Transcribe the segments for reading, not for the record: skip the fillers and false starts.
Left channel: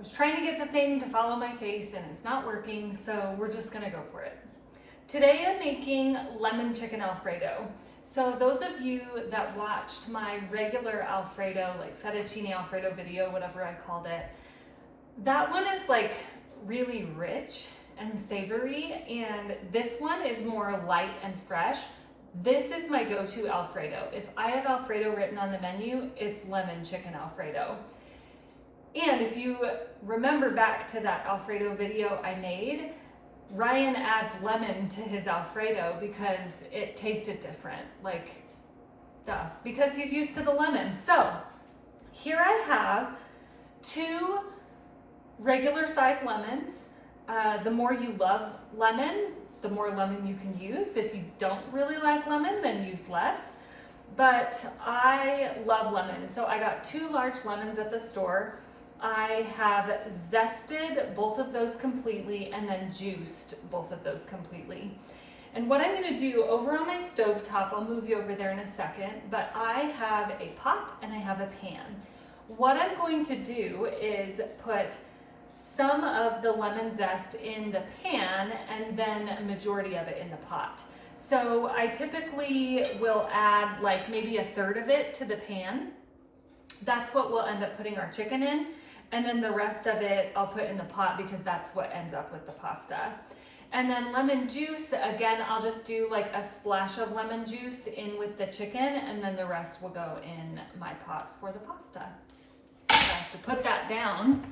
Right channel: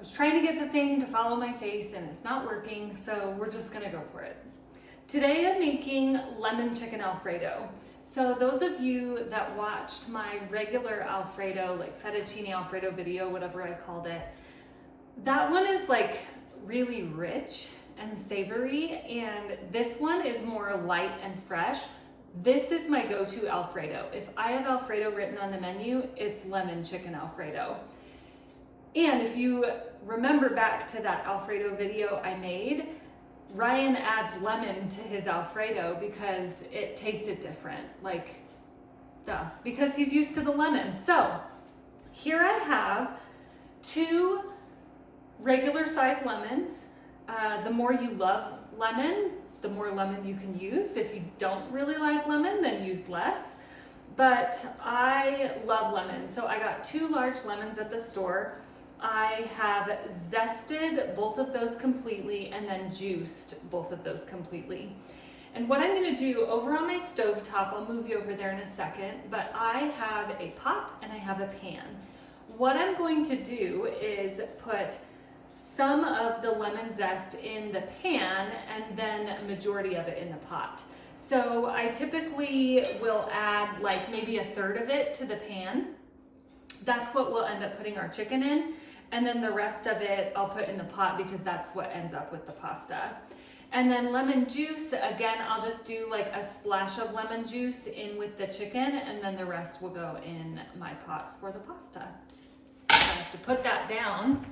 was trying to get the thing to follow my face and it's not working, so we're just gonna go for it. Today I'm making lemon chicken Alfredo. So those of you that watched my regular Alfredo, like fettuccine Alfredo video, whatever I called it, that one is like really rich and savory, and this one is more light and fresh. This is my go-to Alfredo. If I have Alfredo written on the menu, it's lemon chicken Alfredo. And if you remember back to that Alfredo video I made, Ryan adds lemon to his Alfredo because it tasted different, like, duh, because he's used to the lemon. So here I have 2 regular size lemons. The more you love lemon, the more lemon you can use. If you don't really like lemon, then use less. But I love lemon, so I got 2 large lemons at the store. I have zested both of those completely and then juiced both of those completely. And what I'm gonna do over on my stovetop, I'll move you over there in a second, but I have a pot and I have a pan. What I'm going to do is put some of the lemon zest in the pan and then a majority of it in the pot. So I typically will add like maybe 1/3 of it to the pan. That's what we'll end up putting our chicken in. And then the rest of it I'll put in the pot because that's what ends up with the pasta. And then lemon juice, again, I'll just do like a splash of lemon juice in with the chicken, and then the rest will go in my pot for the pasta. I have to put that down.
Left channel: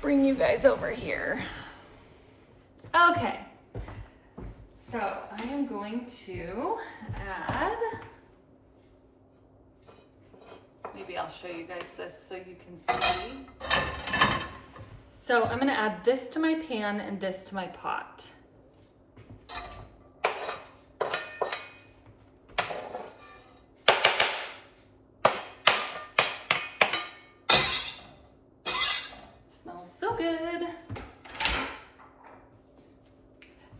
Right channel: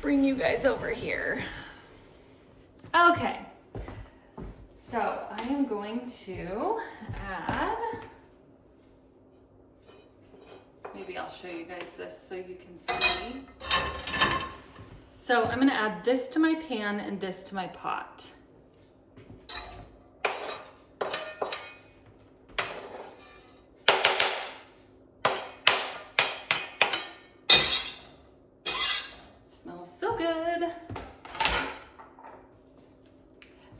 Bring you guys over here. Okay, so I am going to add, maybe I'll show you guys this so you can see. So I'm gonna add this to my pan and this to my pot. Smells so good.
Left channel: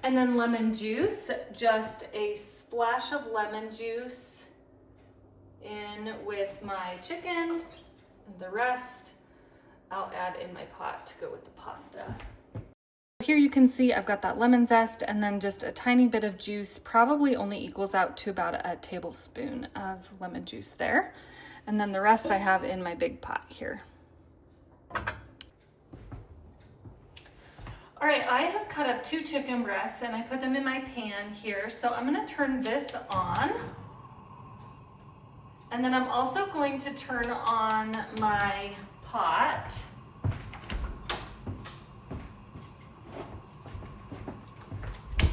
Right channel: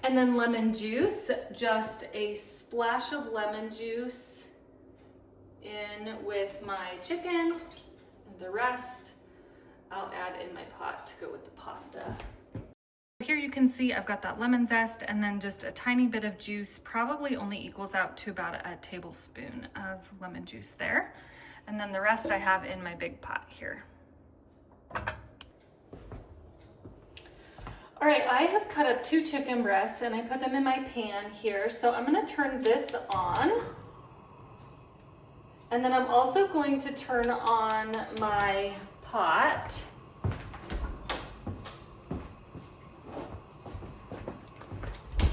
And then lemon juice, just a splash of lemon juice in with my chicken, and the rest I'll add in my pot to go with the pasta. Here you can see I've got that lemon zest and then just a tiny bit of juice, probably only equals out to about a tablespoon of lemon juice there. And then the rest I have in my big pot here. All right, I have cut up 2 chicken breasts and I put them in my pan here. So I'm gonna turn this on. And then I'm also going to turn on my pot.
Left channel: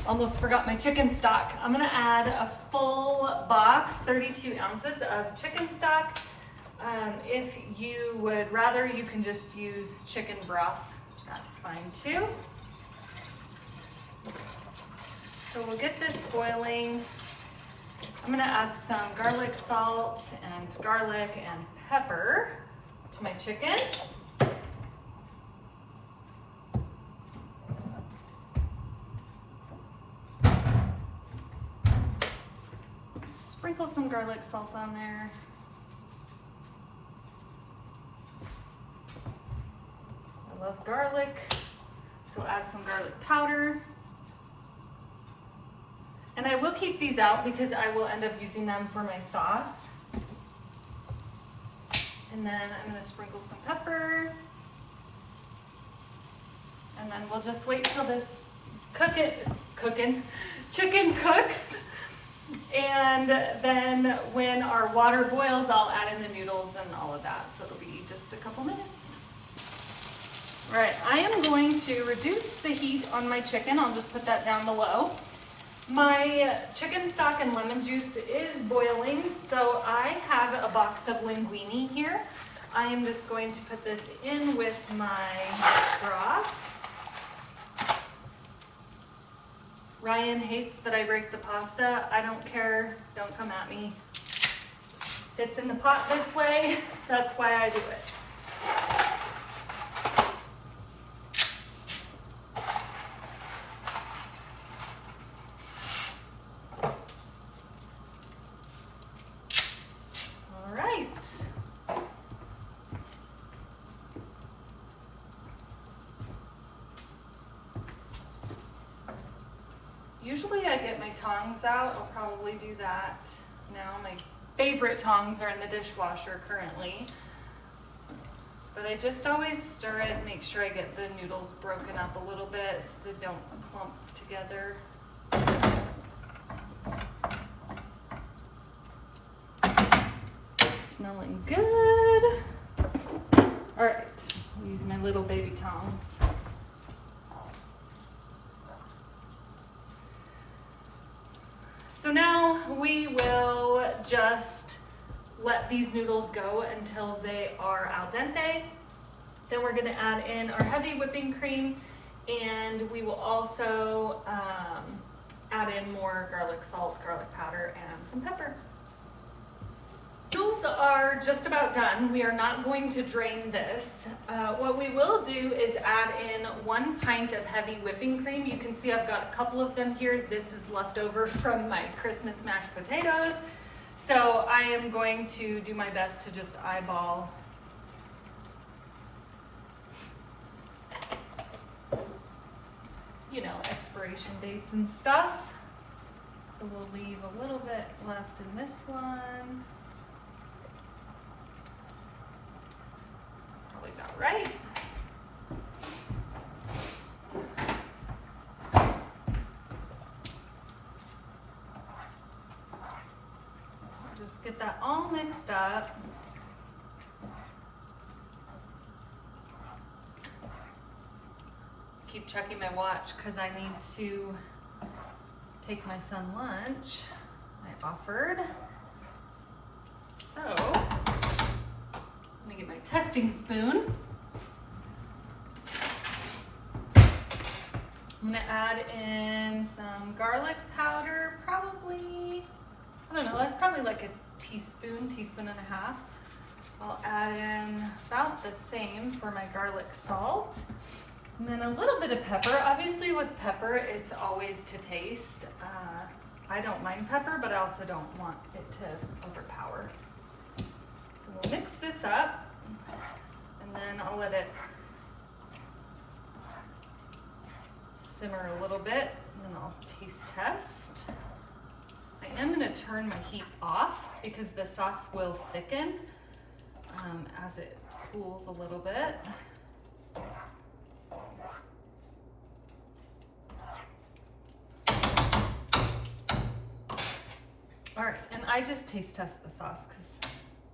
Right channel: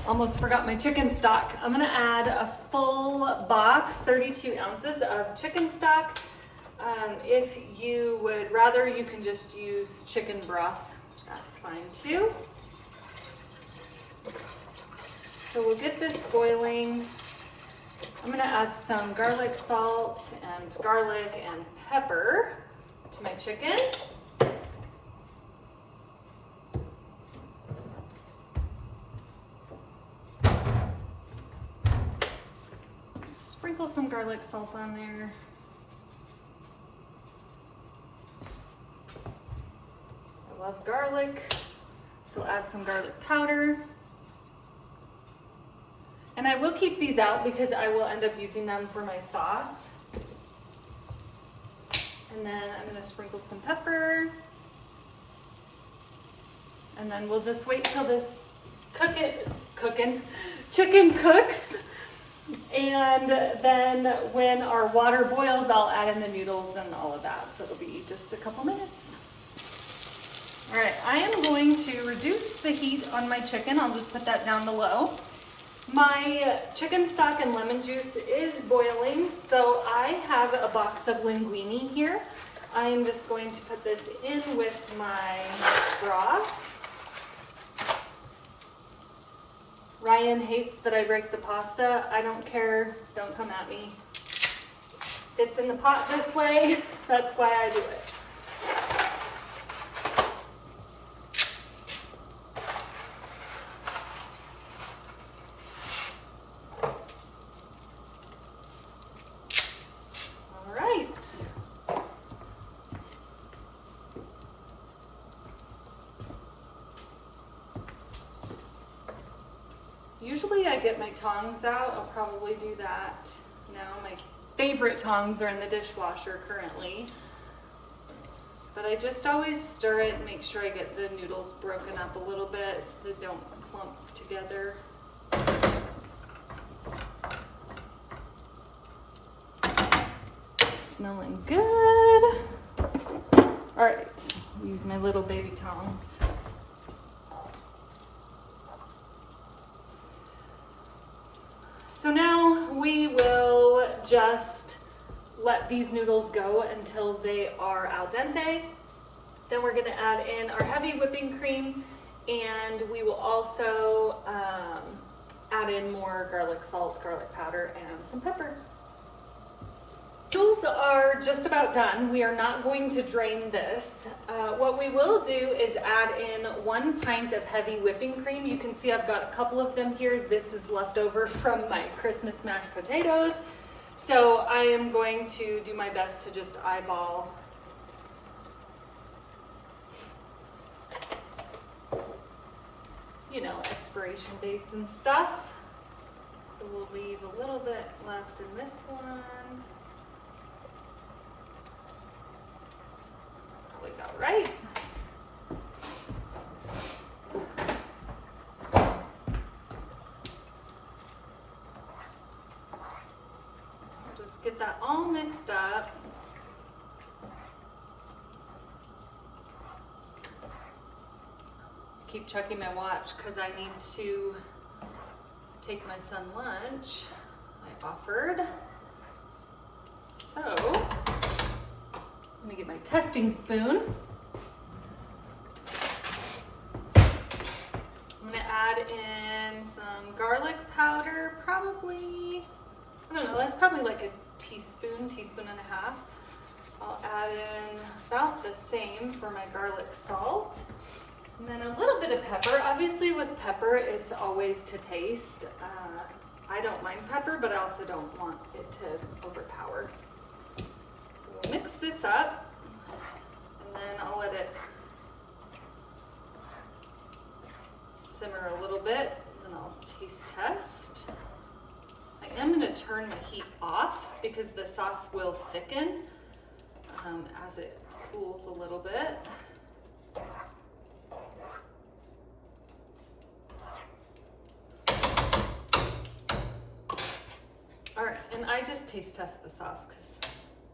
Almost forgot my chicken stock. I'm gonna add a full box, 32 ounces of chicken stock. If you would rather, you can just use chicken broth. That's fine too. So we'll get this boiling. I'm gonna add some garlic salt and garlic and pepper to my chicken. Sprinkle some garlic salt on there. I love garlic, so add some garlic powder. And I will keep these out because I will end up using them for my sauce. And then I'm gonna sprinkle some pepper. And then we'll just wait till this chicken cooks. And then when our water boils, I'll add in the noodles and all of that. So it'll be just a couple minutes. All right, I am going to reduce the heat on my chicken. I'll just put that down below. My chicken stock and lemon juice is boiling, so I have a box of linguine here. I am just going to put this in with my broth. Ryan hates that I break the pasta. I don't care, don't come at me. It's in the pot this way, that's why I do it. usually I get my tongs out. I'll probably do that now. My favorite tongs are in the dishwasher currently. But I just always stir it and make sure I get the noodles broken up a little bit so they don't clump together. Smelling good. All right, I'll use my little baby tongs. So now we will just let these noodles go until they are al dente. Then we're gonna add in our heavy whipping cream, and we will also add in more garlic salt, garlic powder, and some pepper. Noodles are just about done. We are not going to drain this. What we will do is add in 1 pint of heavy whipping cream. You can see I've got a couple of them here. This is left over from my Christmas mashed potatoes. So I am going to do my best to just eyeball expiration dates and stuff. So we'll leave a little bit left in this one. Probably about right. I'll just get that all mixed up. Keep checking my watch because I need to take my son lunch. I offered. So, let me get my testing spoon. I'm gonna add in some garlic powder, probably, I don't know, that's probably like a teaspoon and a half. I'll add in about the same for my garlic salt. And then a little bit of pepper. Obviously with pepper, it's always to taste. I don't mind pepper, but I also don't want it to overpower. So we'll mix this up, and then I'll let it simmer a little bit, and then I'll taste test. I am gonna turn my heat off because the sauce will thicken as it cools a little bit. All right, and I just taste test the sauce because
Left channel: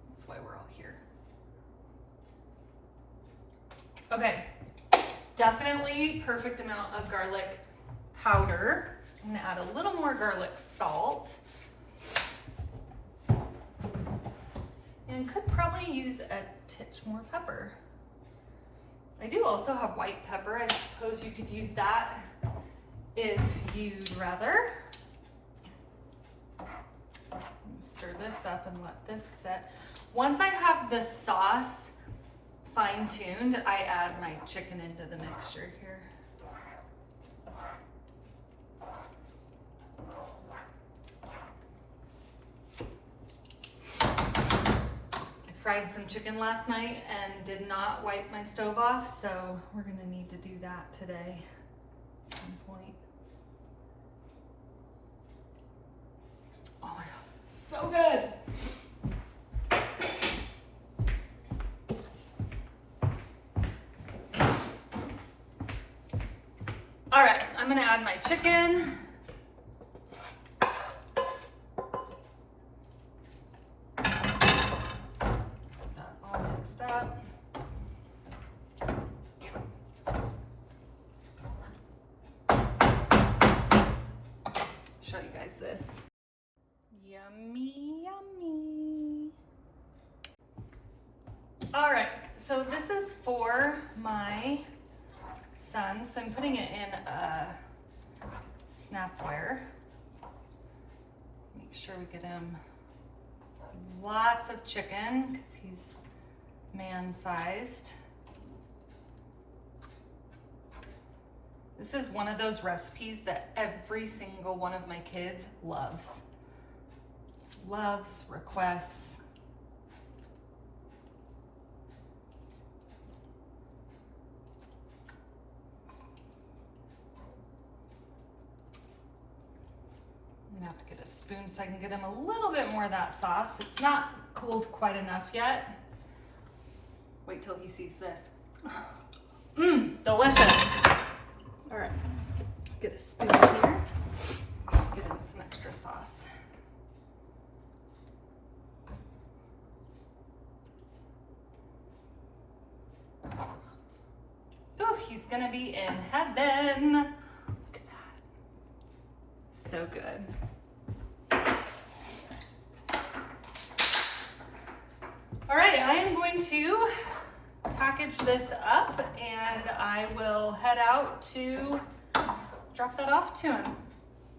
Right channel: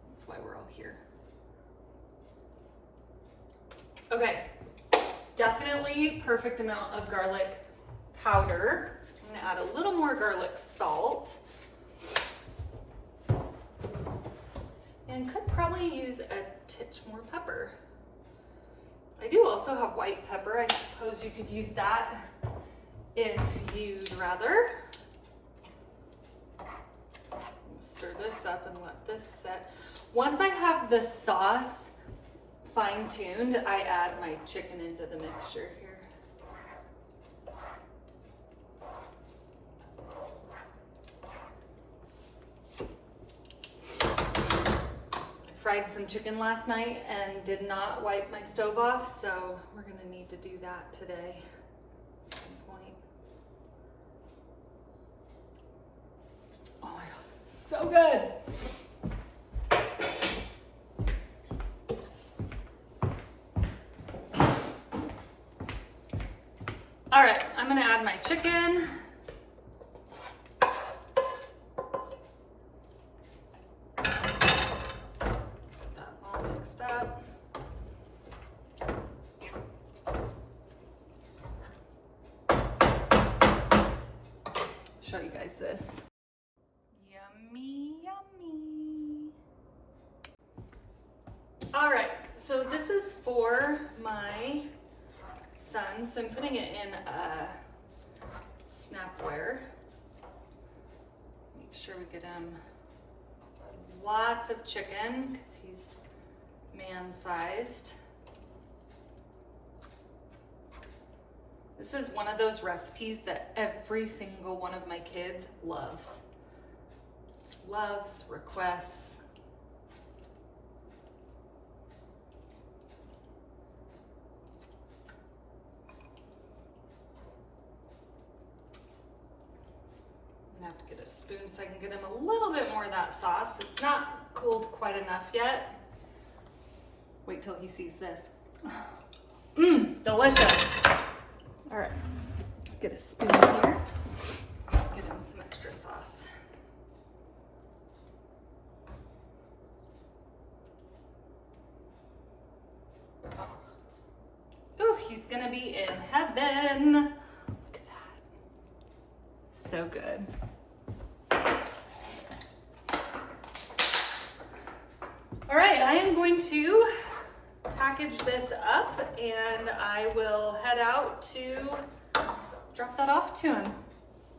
that's why we're all here. Okay, definitely perfect amount of garlic powder. I'm gonna add a little more garlic salt. And could probably use a titch more pepper. I do also have white pepper. I suppose you could use that if you'd rather. Stir this up and let this set. Once I have the sauce fine-tuned, I add my chicken into the mixture here. I fried some chicken last night and did not wipe my stove off, so we're gonna need to do that today at some point. Oh my God. So good. All right, I'm gonna add my chicken. Get that all mixed up. Show you guys this. Yummy, yummy. All right, so this is for my son. So I'm putting it in a snapware. Make sure we get him lots of chicken because he's man-sized. This is one of those recipes that every single one of my kids loves. Requests. gonna have to get a spoon so I can get him a little bit more of that sauce. It's not cooled quite enough yet. Wait till he sees this. Mmm, delicious. All right, get a spoon here. Get him some extra sauce. Oh, he's gonna be in heaven. Look at that. So good. All right, I am going to package this up and I will head out to drop that off to him.